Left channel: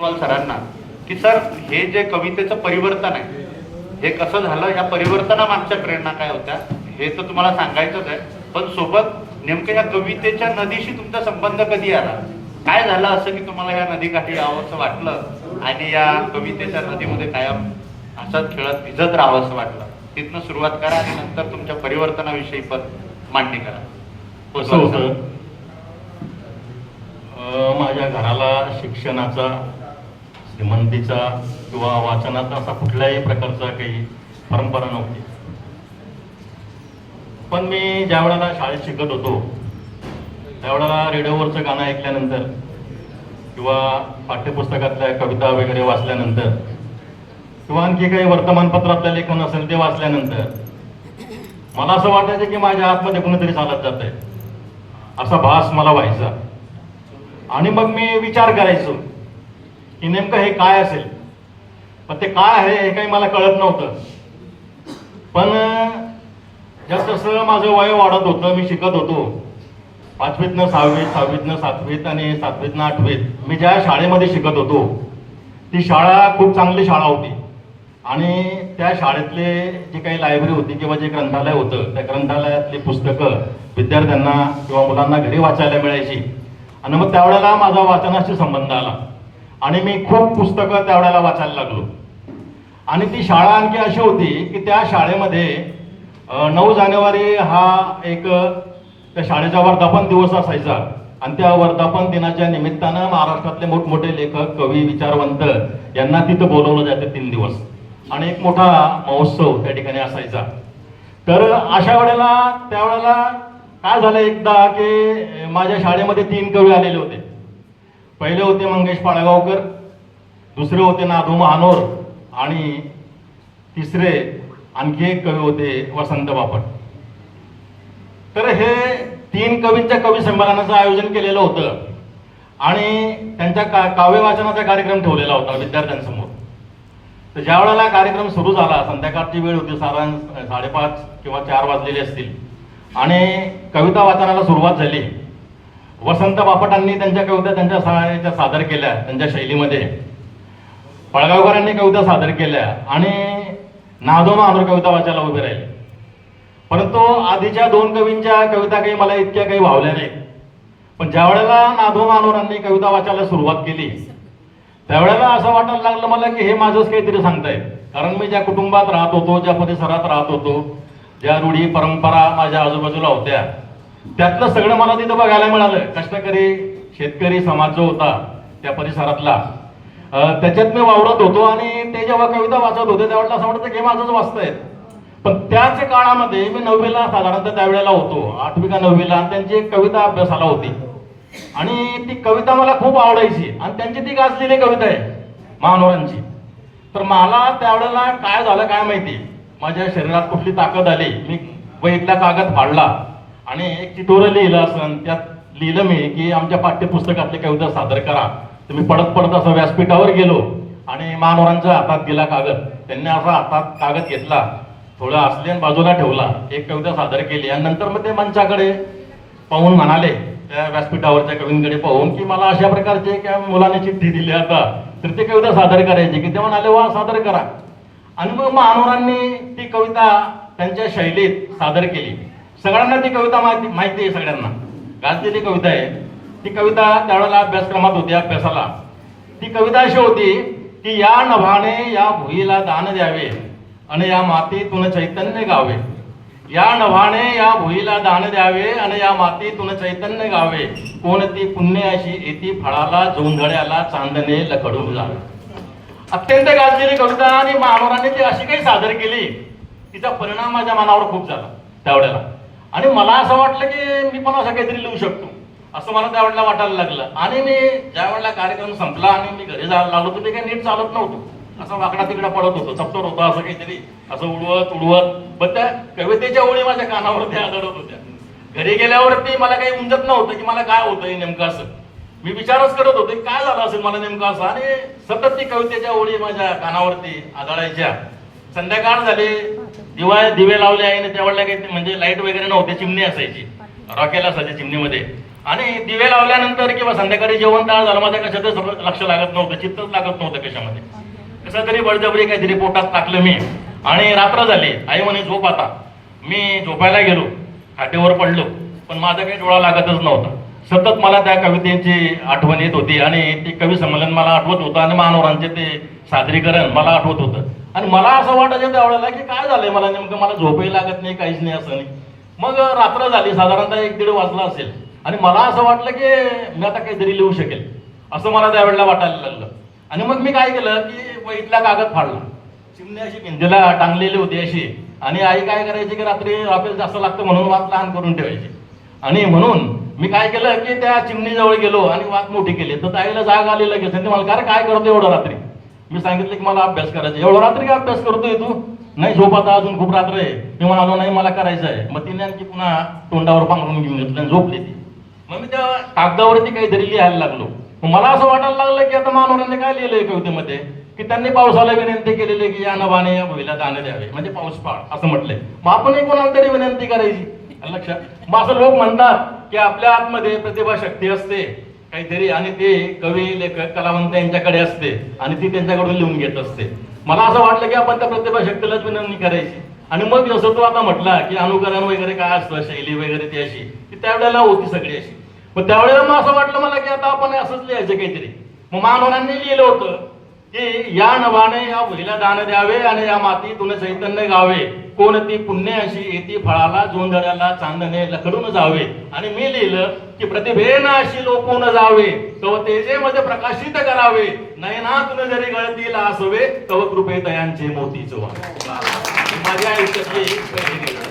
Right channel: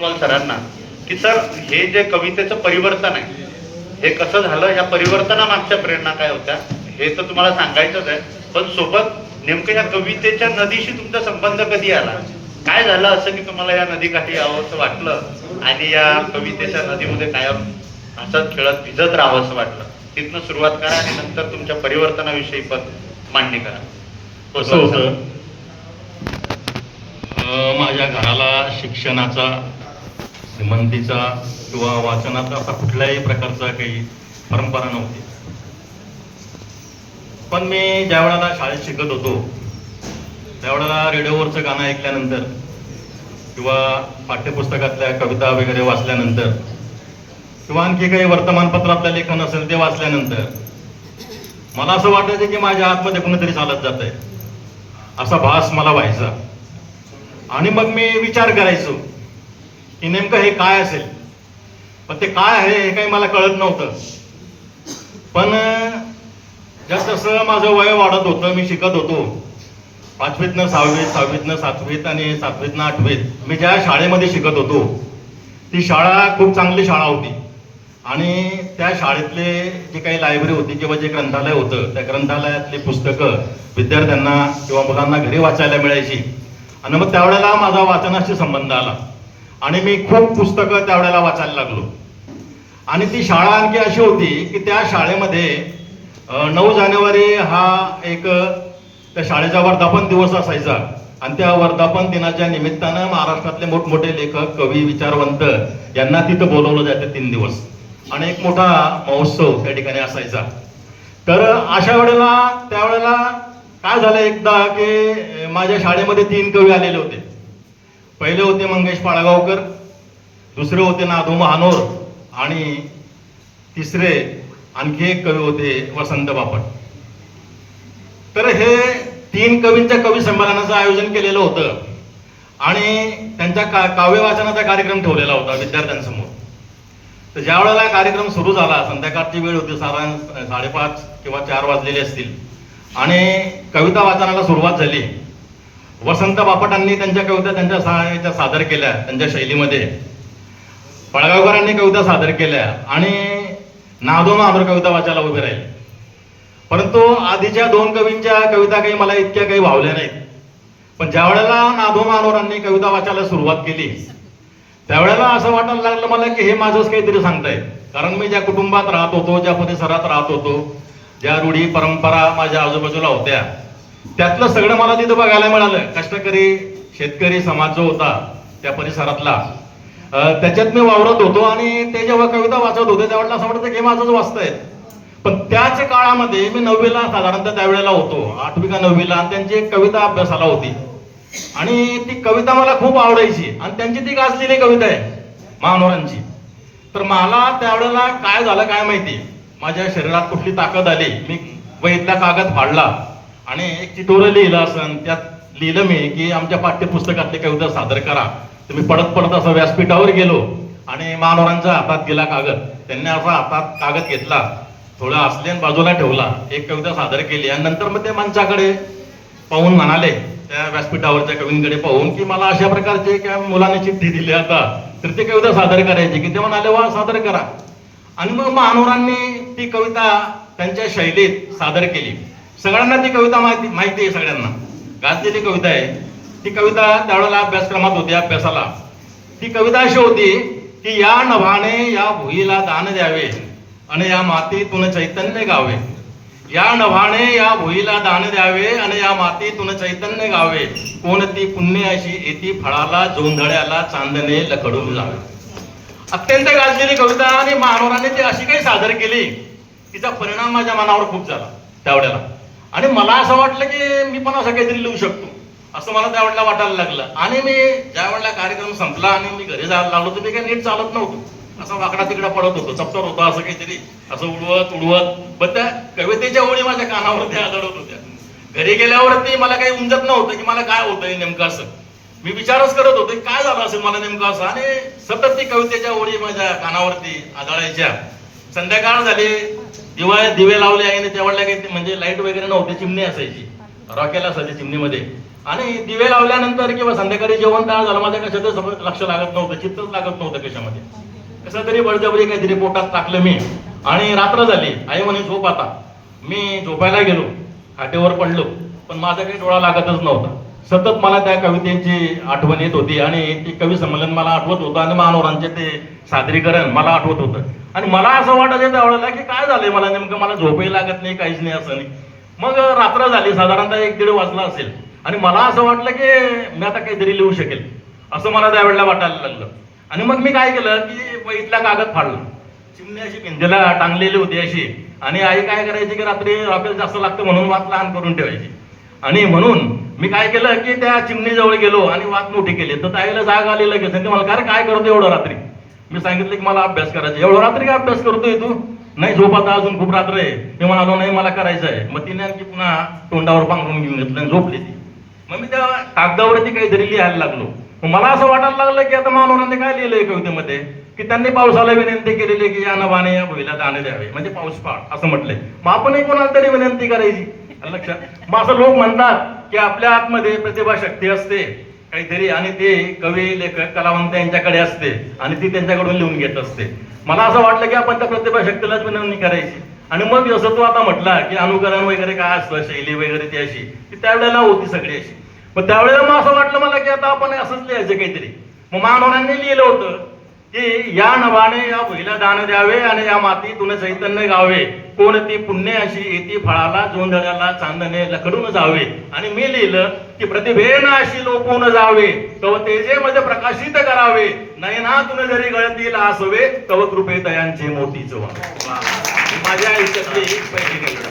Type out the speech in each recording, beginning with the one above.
सरांना की सर हे जे कवितेचं परिवर्तन आहे हे कसं झालं, ह्या परिवर्तनामागच्या प्रेरणा काय होत्या हे तर तुम्हाला सांगायचंच आहे, पण सोबत नेमकं या कवितेच्या नदीशी तुमचा संबंध कधी आला, काय झालं असं की तुम्हाला या नदीकाठी यावंसं वाटलं आणि या कवितेच्या नदीमध्ये कायम हसत खेळत भिजत राहावंसं वाटलं. तिथनं सुरुवात करा आणि नंतर तुमच्या परिवर्तनाविषयी पण मांडणी करा. असं होतं, माझ्या घराला शिक्षणाचा, श्रीमंतीचा किंवा वाचनाचा असा कुठल्याही प्रकारचा काही परंपरा नव्हती. पण मी ज्या वेळेला शाळेत शिकत होतो त्यावेळेला रेडिओवरचं गाणं ऐकल्यानंतर किंवा पाठ्यपुस्तकातल्या कविता वगैरे वाचल्यानंतर किंवा आणखी काही वर्तमानपत्रातलं लेखन असेल ते वाचल्यानंतर मला असं वाटायचं की माझ्या आतमध्ये कुणीतरी चालत जात आहे, असा भास मला व्हायचा. आणि मग मी विचार करायचो की नेमकं हे काय असेल, पण ते काय आहे हे काही मला कळत नव्हतं. पण जसं माझं वय वाढत होतं, मी शिकत होतो, 5वीतनं 6वीत, 6वीतनं 7वीत आणि 7वीतनं 8वीत मी ज्या शाळेमध्ये शिकत होतो ती शाळा खूप चांगली शाळा होती. आणि त्या शाळेतले जे काही लायब्ररी होती किंवा जे ग्रंथालय होतं त्या ग्रंथालयातली पुस्तकं विद्यार्थ्यांना किंवा मुलांना घरी वाचायला मिळायची. आणि मग त्यावेळेला माझा वाचनाशी संबंध आला आणि मी खूप पुस्तकं त्यावेळेला वाचायला लागलो. आणि ती शाळा आणखी अशी होती की त्या शाळेमध्ये 9 जानेवारी हा एक त्या शाळेचा वर्धापन दिवस असायचा आणि त्या वर्धापन दिनाच्या निमित्तानं महाराष्ट्रातले मोठमोठे लेखक, कवी, विचारवंत यांना तिथं बोलवलं जातं 3 दिवस आणि एक मोठा महोत्सव त्या ठिकाणी असायचा. तर अशा वेळेला त्यावेळेला काय झालं एकदा की माझ्या शाळेमध्ये 3 कवी आलेले होते. पहिले होते मंगेश पाडगावकर, दुसरे होते नाधू महानोर आणि तिसरे आणखी एक कवी होते वसंत बापट. तर हे 3 कवींच्या कवी संमेलनाचं आयोजन केलेलं होतं आणि त्यांच्या काव्य वाचनाचा कार्यक्रम ठेवलेला होता विद्यार्थ्यांसमोर. तर ज्या वेळेला कार्यक्रम सुरू झाला, संध्याकाळची वेळ होती, साधारण 5:30 किंवा 4 वाजलेले असतील आणि कविता वाचनाला सुरुवात झाली. वसंत बापटांनी त्यांच्या कविता त्यांच्या सादर केल्या त्यांच्या शैलीमध्ये, पळगावकरांनी कविता सादर केल्या आणि नाधो महानोर कविता वाचायला उभे राहिले. परंतु आधीच्या 2 कवींच्या कविता काही मला इतक्या काही भावल्या नाहीत. पण ज्या वेळेला नाधो महानोरांनी कविता वाचायला सुरुवात केली त्यावेळेला असं वाटायला लागलं मला की हे माझंच काहीतरी सांगतायत. कारण मी ज्या कुटुंबात राहत होतो, ज्या परिसरात राहत होतो, ज्या रूढी परंपरा माझ्या आजूबाजूला होत्या त्यातलं सगळं मला तिथं बघायला मिळालं. कष्टकरी शेतकरी समाज जो होता त्या परिसरातला त्याच्यात मी वावरत होतो आणि ते जेव्हा कविता वाचत होते त्यावेळेला असं वाटतं की माझंच वाचतायत. पण त्याच काळामध्ये मी 9वीला साधारणतः त्यावेळेला होतो, 8वी का 9वीला, आणि त्यांची एक कविता अभ्यासाला होती आणि ती कविता मला खूप आवडायची आणि त्यांची ती गाजलेली कविता आहे महानोरांची. तर मला त्यावेळेला काय झालं काय माहिती, माझ्या शरीरात कुठली ताकद आली, मी वहीतला कागद फाडला आणि एक चिठोरं लिहिलं असं, त्यात लिहिलं मी की आमच्या पाठ्यपुस्तकातली कविता सादर करा. तर मी पडत पडत असं व्यासपीठावर गेलो आणि महानोरांच्या हातात दिला कागद. त्यांनी असा हातात कागद घेतला, थोडं असले बाजूला ठेवला, एक कविता सादर केली आणि नंतर मग ते मंचाकडे पाहून म्हणाले, त्या व्यासपीठावरच्या कवींकडे पाहून की मला अशा प्रकारचे त्या मुलाने चिठ्ठी दिली आता तर ती कविता सादर करायची की ते म्हणाले वा सादर करा. आणि मग महानोरांनी ती कविता त्यांच्या शैलीत सादर केली. सगळ्यांना ती कविता माहिती आहे, सगळ्यांना गाजलेली कविता आहे ती. कविता त्यावेळेला अभ्यासक्रमात होती, अभ्यासाला. ती कविता अशी होती की या नभाने या भुईला दान द्यावे आणि या मातीतून चैतन्य गावे. या नभाने या भुईला दान द्यावे आणि या मातीतून चैतन्य गावे. कोणती पुण्य अशी येती फळाला जोंधळ्याला चांदणे लखडून जावे. अत्यंत गाजलेली कविता आणि महानोरांनी ती अशी काही सादर केली, तिचा परिणाम माझ्या मनावर खूप झाला त्यावेळेला. आणि मला असं वाटलं की मी पण असं काहीतरी लिहू शकतो असं मला त्यावेळेला वाटायला लागलं. आणि मी ज्या वेळेला कार्यक्रम संपला आणि मी घरी जायला लागलो तर ते काही नीट चालत नव्हतं, असं वाकडा तिकडा पडत होतो, चपटर होतो असं काहीतरी, असं उडवत. पण त्या कवितेच्या ओळी माझ्या कानावरती आदळत होत्या. घरी गेल्यावरती मला काही उमजत नव्हतं की मला काय होतंय नेमकं असं. मी विचारच करत होतो काय झालं असेल मला नेमकं असं. आणि सतत ती कवितेच्या ओळी माझ्या कानावरती आदळायच्या. संध्याकाळ झाली, दिवे लावले आहे त्यावेळेला काही म्हणजे लाईट वगैरे नव्हती, चिमणी असायची, रॉकेल असायची चिमणीमध्ये. आणि दिवे लावल्यानंतर किंवा संध्याकाळी जेवण तयार झालं माझ्या कशातच लक्ष लागत नव्हतं, चित्तच लागत नव्हतं कशामध्ये. कसं तरी बळजबरी काहीतरी पोटात टाकलं मी आणि रात्र झाली. आई म्हणे झोप आता. मी झोपायला गेलो, खाटेवर पडलो, पण माझा काही डोळा लागतच नव्हता. सतत मला त्या कवितेची आठवण येत होती आणि ते कवी संमेलन मला आठवत होतं आणि मानवरांचे ते सादरीकरण मला आठवत होतं. आणि मला असं वाटत येतं त्यावेळेला की काय झालंय मला नेमकं, मला झोपही लागत नाही, काहीच नाही असं नाही. मग रात्र झाली, साधारणतः 1-1:30 वाजला असेल आणि मला असं वाटलं की मी आता काहीतरी लिहू शकेल असं मला त्यावेळेला वाटायला लागलं. आणि मग मी काय केलं की वहीतला कागद फाडला. चिमणी अशी भिंतीला टांगलेली होती अशी, आणि आई काय करायची की रात्री राखेल जास्त लागतं म्हणून वात लहान करून ठेवायची. आणि म्हणून मी काय केलं की त्या चिमणीजवळ गेलो आणि वात मोठी केली. तर ताईला जाग आली लगेच. आणि मला काय काय करतो एवढं रात्री. मी सांगितलं की मला अभ्यास करायचा. एवढं रात्री काय अभ्यास करतोय तू. नाही झोप आता, अजून खूप रात्र आहे. मी म्हणालो नाही मला करायचं आहे. मग तिने आणखी पुन्हा तोंडावर पांघरून घेऊन घेतलं आणि झोपली ती. मग मी त्या कागदावरती काहीतरी लिहायला लागलो. मग मला असं वाटायला लागलं की आता मानवरांनी काय लिहिलंय कवितेमध्ये की त्यांनी पावसाला विनंती केलेली की या नभाने या भुईला दाणे द्यावे, म्हणजे पाऊस पाड असं म्हटलंय. मग आपणही कोणाला तरी विनंती करायची. लक्षात. मग असं लोक म्हणतात की आपल्या आतमध्ये प्रतिभा शक्ती असते काहीतरी, आणि ते कवी लेखक कलावंत यांच्याकडे असते आणि ती त्यांच्याकडून लिहून घेत असते. मला असं वाटलं की आपण त्या प्रतिभा शक्तीलाच विनंती करायची. आणि मग जसं तो आता म्हटला की अनुकरण वगैरे काय असतं, शैली वगैरे ती अशी, ती त्यावेळेला होती सगळी अशी. मग त्यावेळेला मग असं वाटलं मला की आता आपण असंच लिहायचं काहीतरी. मग मानवरांनी लिहिलं होतं की या नभाने या भुईला दान द्यावे आणि या मातीतून चैतन्य गावे, कोणती पुण्य अशी येती फळाला जोंधळ्याला चांदणे लखडून जावे. आणि मी लिहिलं की प्रतिभेनं अशी लोपून जावे, तव तेजेमध्ये प्रकाशित करावे, नयनातून जरी गळतील आसवे, तव कृपे दयांचे मोतीच व्हावे. माझ्या आयुष्यातली एक पहिली कविता.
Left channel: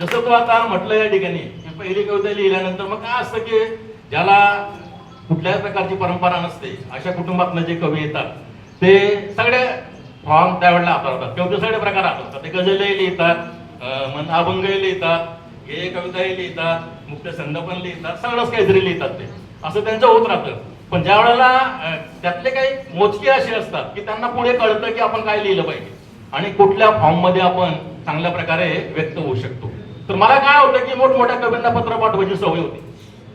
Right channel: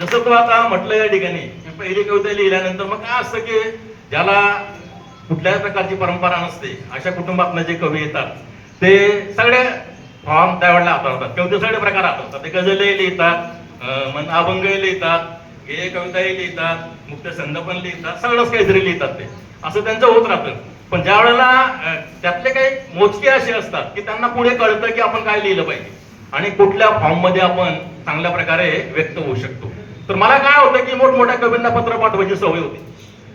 जसं तो आता म्हटलं या ठिकाणी पहिली कविता लिहिल्यानंतर मग काय असतं की ज्याला कुठल्याही प्रकारची परंपरा नसते अशा कुटुंबातनं जे कवी येतात ते सगळे फॉर्म त्यावेळेला हाताळतात. कविते सगळे प्रकार हाताळतात. ते गझलही लिहितात, अभंगही लिहितात, गेय कविताही लिहितात, मुक्त छंद पण लिहितात, सगळंच काहीतरी लिहितात. ते असं त्यांचं होत राहतं. पण ज्या वेळेला त्यातले काही मोजके असे असतात की त्यांना पुढे कळतं की आपण काय लिहिलं पाहिजे आणि कुठल्या फॉर्म मध्ये आपण चांगल्या प्रकारे व्यक्त होऊ शकतो. तर मला काय होतं की मोठमोठ्या कवींना पत्र पाठवायची सवय होती.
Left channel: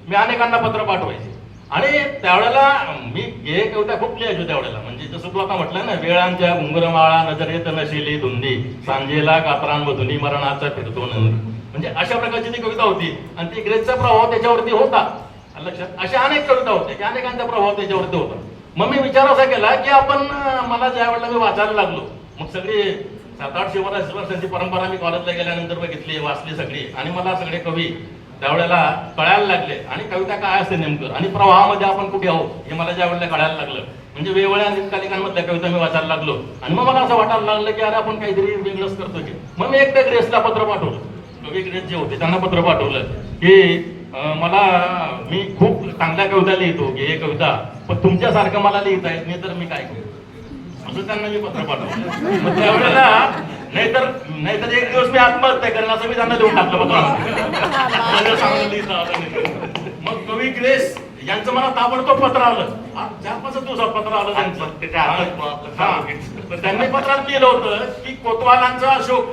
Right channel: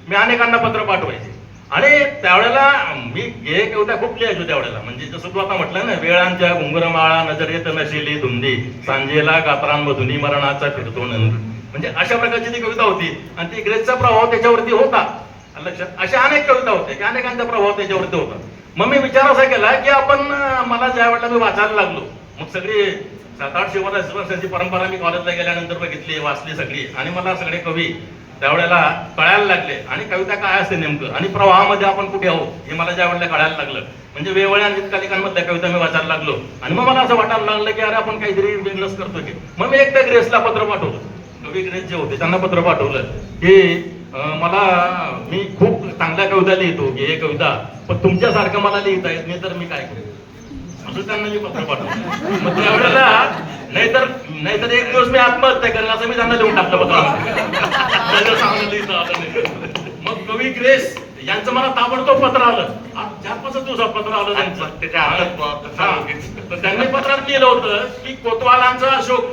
मी अनेकांना पत्र पाठवायचे आणि त्यावेळेला मी गेय कविता खूप लिहायचो त्यावेळेला. म्हणजे जसं तू आता म्हटलं ना, वेळांच्या घुंगरमाळा नजरेत नशिली धुंदी, सांजेला कातरांमधुनी मरणाचा फिरतो नंद, म्हणजे अशा प्रकारची ती कविता होती. आणि ती ग्रेसचा प्रभाव त्याच्यावरती होता. लक्षात. अशा अनेक कविता होत्या की अनेकांचा प्रभाव त्याच्यावरती होता. मग मी विचार असा केला की आपण मला ज्या वेळेला मी वाचायला लागलो, मग सगळी 700-800 वर्षांची परंपरा मी कॉलेजला गेल्यानंतर बघितली, वाचली सगळी. आणि मला सगळे कवी त्यावेळेला कळायला लागले आणि कविता काय असते नेमकं आणि प्रवाहामध्ये आपण कुठे आहोत हे मला ज्या वेळेला कळायला लागलं. म्हणजे वेगवेगळ्या निकालिकांमधल्या कविता मी वाचायला लागलो आणि मग मला असं वाटायला लागलं की अरे आपण काहीतरी बिझनेस करतोय. मग मी एकदा ग्रेसला पत्र पाठवलं. कवी ग्रेस जे होते त्यांना पत्र पाठवलं की मी खूप चांगल्या कविता लिहितो, हे कविता, पण तुमच्यासारखं मला लिहिता येत नाही, तर मी काय करू असं त्यांना मी पत्र पाठवलं. मग त्यावेळेला नाहीतर एक दिवस मी आत्महत्या करेन असं मी त्यांना लिहून टाकलं पत्र. मग कवी ग्रेस यांचं मला ताबडतोब पत्र आलं. 4-5 दिवसात पत्र आलं त्यांचं. तर त्यांनी पत्रात लिहिलं होतं की कोतवालांचा अशोक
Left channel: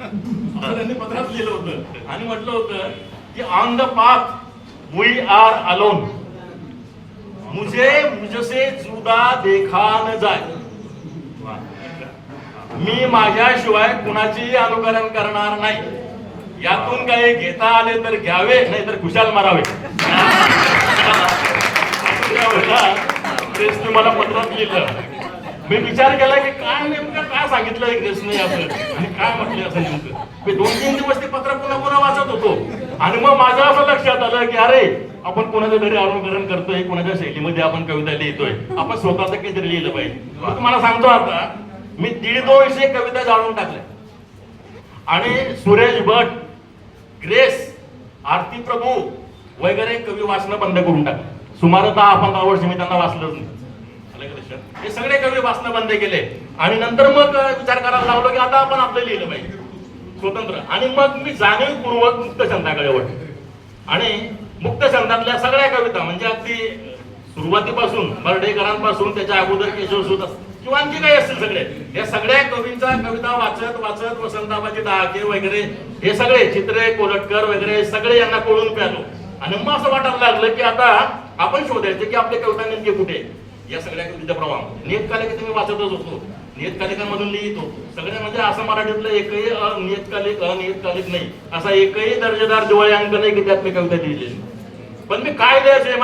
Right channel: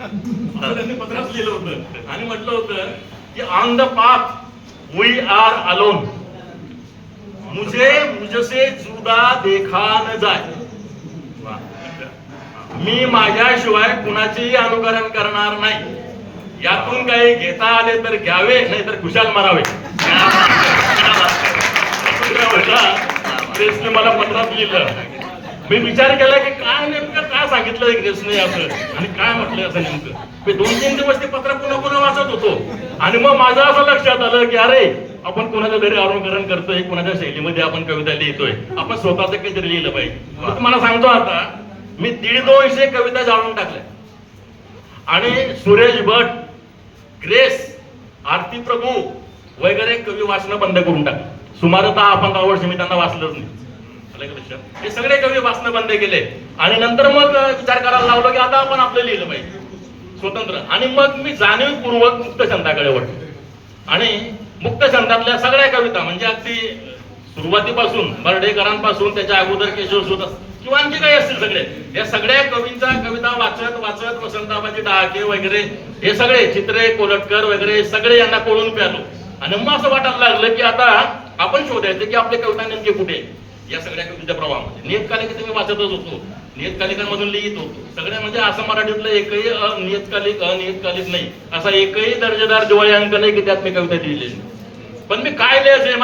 असं त्यांनी पत्रात लिहिलं होतं आणि म्हटलं होतं कि on the path we are alone, मुझे मुझसे जुदा देखा न जाए. मी माझ्याशिवाय कुणाचेही अनुकरण करणार नाही. यातून काही घेता आले तर घ्यावे, नाही तर खुशाल मारावे. ग्रेसने मला पत्रात लिहिलं. मी विचार केला की काय नेमकं काय सांगितलंय ग्रेसने असं आणि काय म्हटलंय असं नेमकं. मी 2-3 दिवस ते पत्र पुन्हा वाचत होतो आणि मग माझं असं लक्षात आलं की अरे आपण कोणाच्या घरी अनुकरण करतोय, कोणाच्या शैलीमध्ये आपण कविता लिहितोय, आपण स्वतःच काहीतरी लिहिलं पाहिजे. तुम्हाला सांगतो आता मी 150 कविता जाळून टाकल्या आणि सुरेश भट, ग्रेस, आरती प्रभू वगैरे कवी वाचणं बंद करून टाकलं. सुमारे 10-15 वर्ष मी त्यांना वाचलंच नाही. हे सगळे कवी वाचणं बंद केले आणि नंतर मग विचार करायला लागलो की आता आपण आपलं लिहिलं पाहिजे स्वतंत्र. आणि मग मी जाणीवपूर्वक मुक्तछंदाकडे वळलो आणि मुक्तछंदातल्या सगळ्या कविता म्हणजे अगदी सुरुवातीपासून बर्डेकरांपासून त्याच्या अगोदर केशवसूत किंवा आणखी काही असतील सगळे, या सगळ्या कवींच्या कविता वाचत वसंताबाजी डहाके वगैरे हे सगळे चित्रे कोलटकर वगैरे सगळे यांना कोळून प्यालो आणि मग असं वाटायला लागलं की आता आपण शोधायचं की आपले कविता नेमके कुठे आहे. या सगळ्या कविता प्रवाहामध्ये नियतकालिक मी वाचतच होतो, नियतकालिकांमधून लिहित होतो सगळ्या, म्हणजे असं मराठीतलं एकही नियतकालिक अनियतकालिक नाही, असा एकही दर्जेदार दिवाळी अंक नाही की त्यात मी कविता लिहिलेली. पण मी काय लिहायचंय